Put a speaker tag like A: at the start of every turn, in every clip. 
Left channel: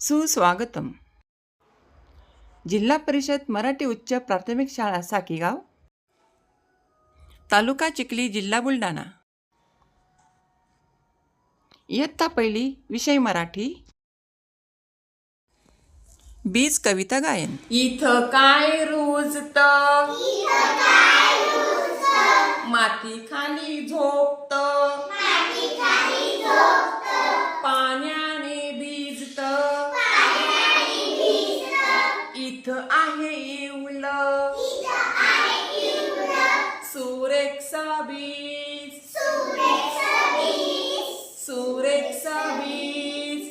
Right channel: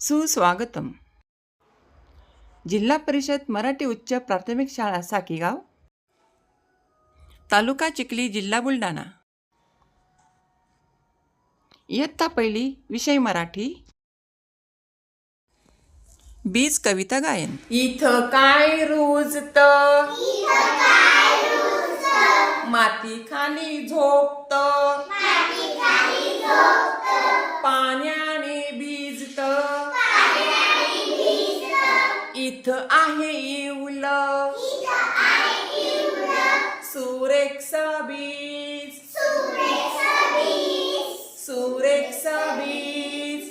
A: सुस्वागतम. जिल्हा परिषद मराठी उच्च प्राथमिक शाळा साकीगाव. तालुका चिखली जिल्हा बुलढाणा. इयत्ता पहिली विषय मराठी. बीज कविता गायन.
B: इथं काय रुजत? माती खाली झोपत? इथं आहे इवल. सुरेक्षा बीज. सुरेक्षा बीज.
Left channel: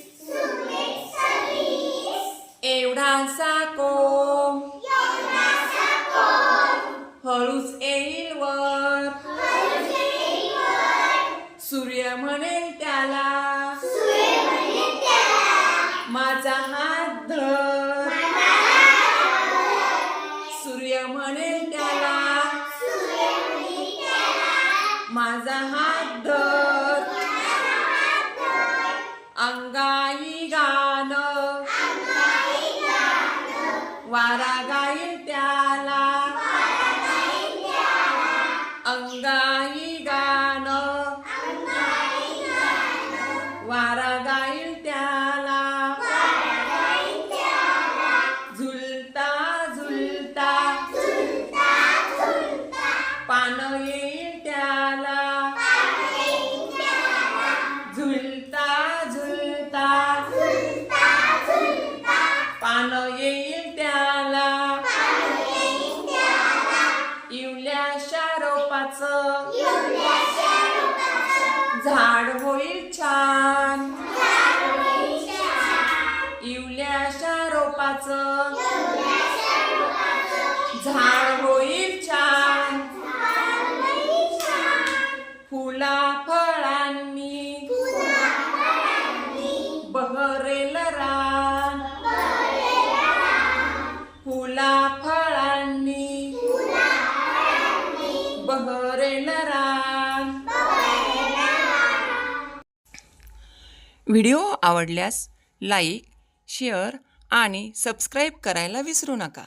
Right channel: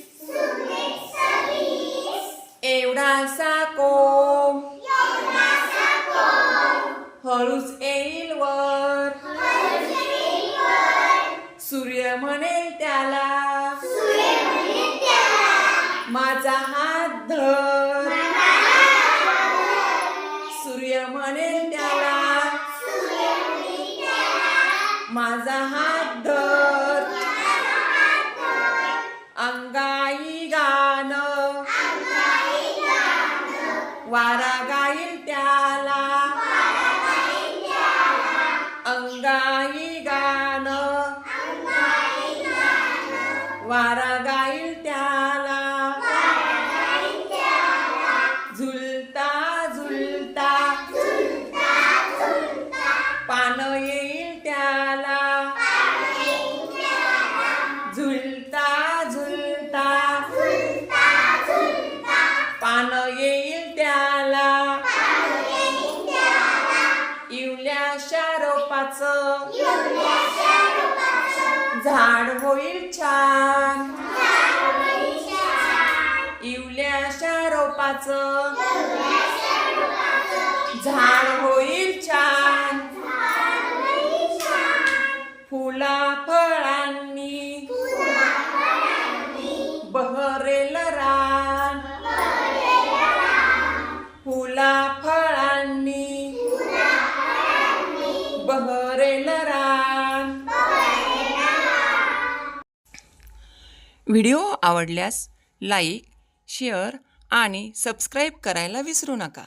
B: एवढासा कोंब. हळूच येईल वर. सूर्य म्हणेल त्याला. माझा हात धर. म्हणेल त्याला माझा हात धर अंगाई गाण वारा गाईल त्याला अंगाई गाण वारा झाड होईल छान. इवल्याशा रोपाचं. झाड होईल छान. फुला फळांनी. बहरेल रान. फुला फळ
A: व्हिडिओ आवडल्यास लाईक शेअर आणि सबस्क्राईब करायला विसरू नका.